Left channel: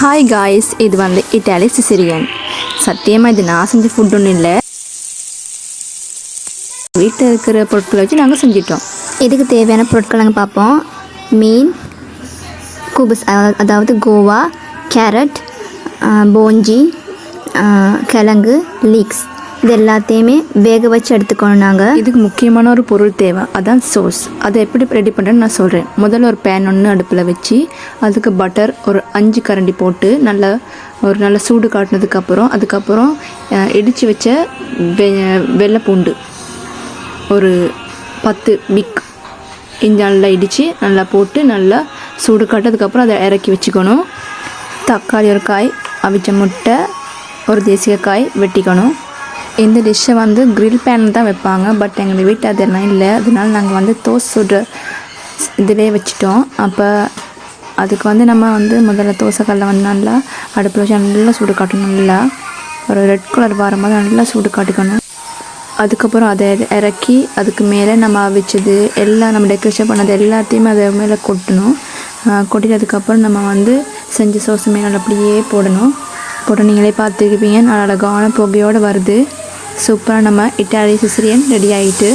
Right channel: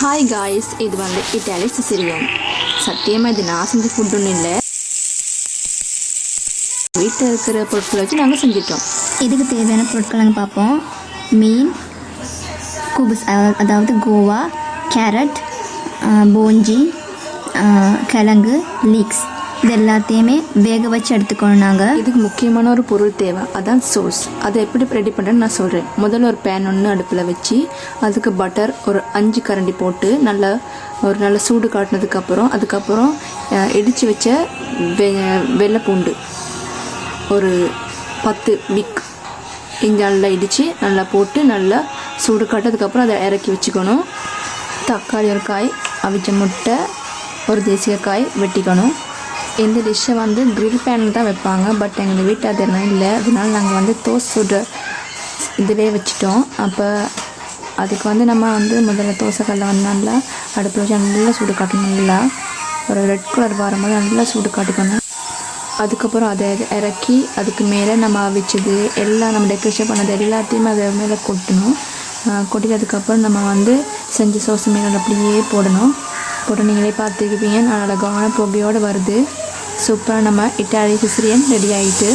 Hi guys, இது வந்து Italy Sicilian. சத்தியமாக இது நான் செஞ்ச ஃபுட் ஒன்றும் இல்லை, வீட்டில் இருக்கிற பொருட்களை வச்சு நாங்கள் செஞ்சிட்டோம். இதுக்கு தேவையான பொருட்கள் நாங்கள் பார்ப்போம். மீன், குபுஸ் அதாவது கோவா, கேரட், போஞ்சி, கிழங்கு, லீக்ஸ், இது எல்லாத்தையுமே வேக வச்சு எடுத்துக்கணும். நாங்கள் இதுக்கு முக்கியமான ஒரு பொருள் தேவை, அதான் சோஸ். அதை எப்படி ரெடி பண்ணுறேன்னு நான் சொல்கிறேன். முதல்ல ஒரு பேன் ஒன்று அடுப்பில் வச்சு அதுக்கு பட்டர் ஒரு 5 கரண்டி போட்டு நல்ல சூடு காட்டினதுக்கப்புறம் அதுக்கப்புறம் இடித்து வச்ச வெள்ளைப்பூண்டு ஒரு 10 பிக் இஞ்சி நல்லா இடித்து நல்லா போட்டு நல்லா சூடு காட்டதுக்கப்புறம் அதை இறக்கி வச்சுக்கணும். தக்காளி ஒரு காய், அவிச்ச முட்டை, ஒரு தேசியக்காய் வெட்டிக்கணும். இந்த டிஷ்ஷை வந்து கிரில் பேனில் தான் வைப்பாங்க, பட் எங்கள் வீட்டில் அதெல்லாம் இல்லை. அதனால நாங்கள் வந்து தோசை சுடு இதிலே வச்சுட்டோம். அப்போ அதுக்கு வந்து நம்ம வந்து முதல்ல தோசைக்கல்ல வந்து நல்லா அடுப்பில் வச்சு நல்லா சூடு காட்டணும். நல்லா ஒரு ரெட் கலர் வரும்போது நல்லா சூடு காட்டிக்கணும். அதுக்கப்புறம் அதை இறக்கி அதுக்கு மேலே நம்ம அவிச்சது எல்லாம் நம்ம டெக்கரேஷன் பண்ணது எல்லாத்தையுமே அதை மேலே கொட்டணும். கொட்டினதுக்கப்புறம் நம்ம வந்து செஞ்ச சோஸ் மேலே அப்படியே போடணும். போட்டு நீங்களே பார்த்துருப்பீங்க, நல்ல அழகான புகையோடு வருது. சூப்பராக நம்ம இட்டாலி சிசிலியன் ரெடி ஆகிட்டு.